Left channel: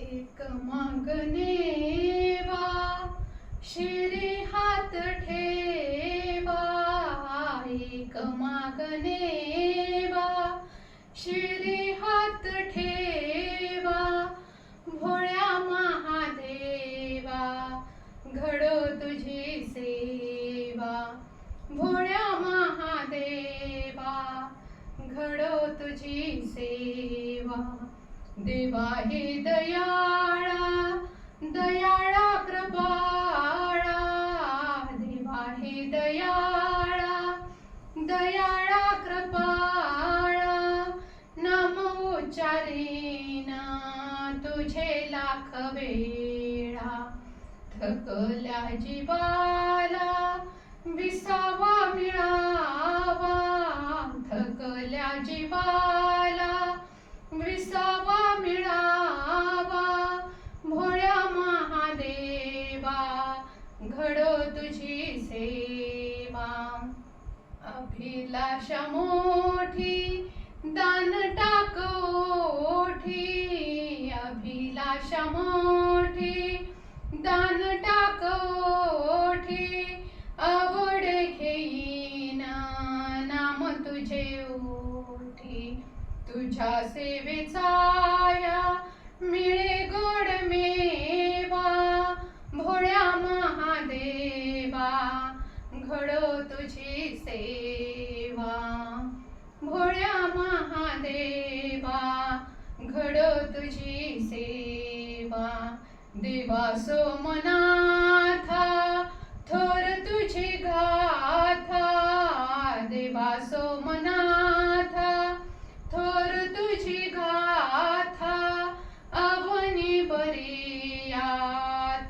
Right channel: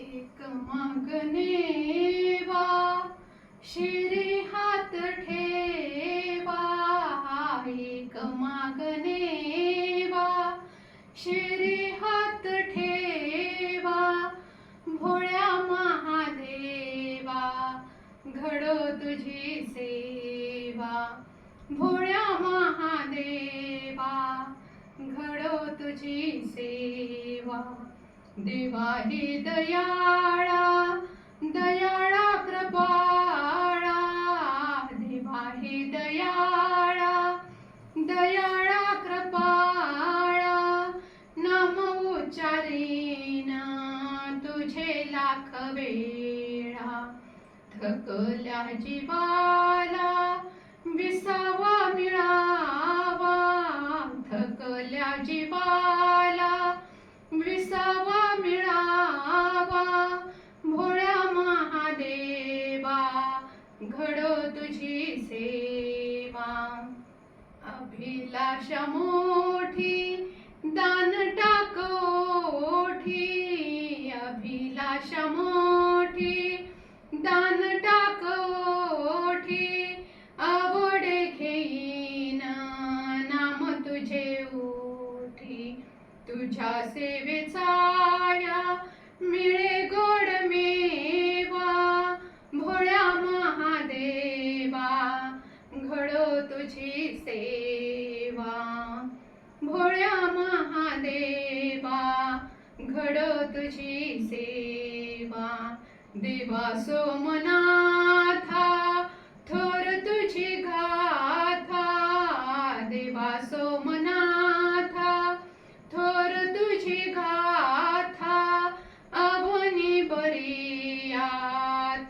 एक मागणे वा शिरी हात ठेवा, एक मागणे वा शिरी हात ठेवा, भोळ्या महादेवा घडो तुझी सेवा, भोळ्या महादेवा घडो तुझी सेवा. देवा हे दयाळा दयाळा कृपाळा, देवा हे दयाळा दयाळा कृपाळा, नाम उच्चारेना तुझे लाख वेळा, थकल्या जीवाला विसावा मिळावा, थकल्या जीवाला विसावा मिळावा, भोळ्या महादेवा घडो तुझी सेवा. अभिलाषा मोठी दान टाक ओठी, अभिलाषा मोठी दान टाक ओठी, आवडे घेईन नाम तुझे ओठी, तुझ्या सेवेचा मिळे गोड मेवा, भोळ्या महादेवा घडो तुझी सेवा, भोळ्या महादेवा घडो तुझी सेवा. देवा सोमनाथा थोर तुझी गाथा, देवा सोमनाथा थोर तुझी गाथा, अवनी बरिया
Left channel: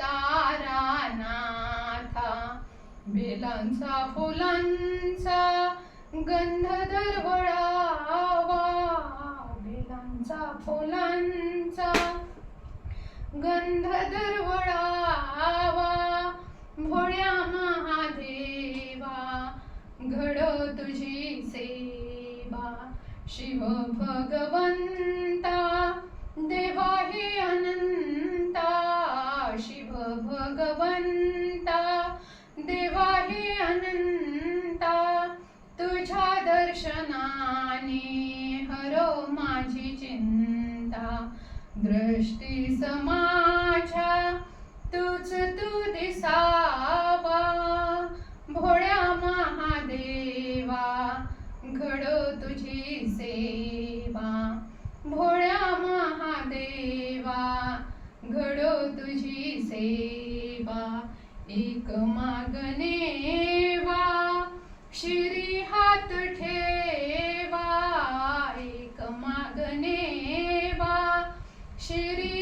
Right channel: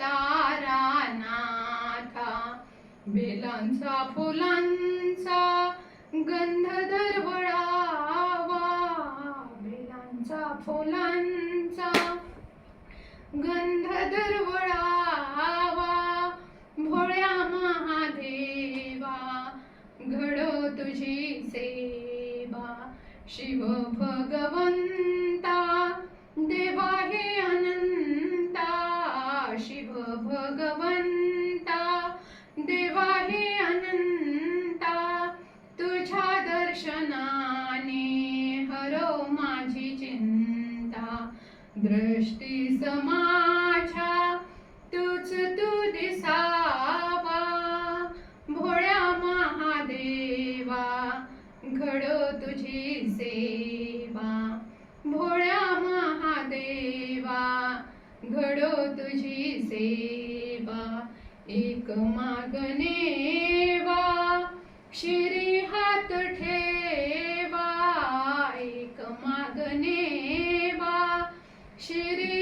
तारानाथा, बेलांचा फुलांचा गंध दरवळावा, बेलांचा फुलांचा गंध दरवळावा, भोळ्या महादेवा घडो तुझी सेवा. शिव भगवंता देवा हे अनंता, शिव भगवंता देवा हे अनंता, तुझ्या दर्शनाने हरो माझी चिंता, दृष्टी समाच्या तूच तू दिसावा, भोळ्या महादेवा घडो तुझी सेवा, भोळ्या महादेवा घडो तुझी सेवा. एक मागणे वा शिरी हात ठेवा, एक मागणे वा शिरी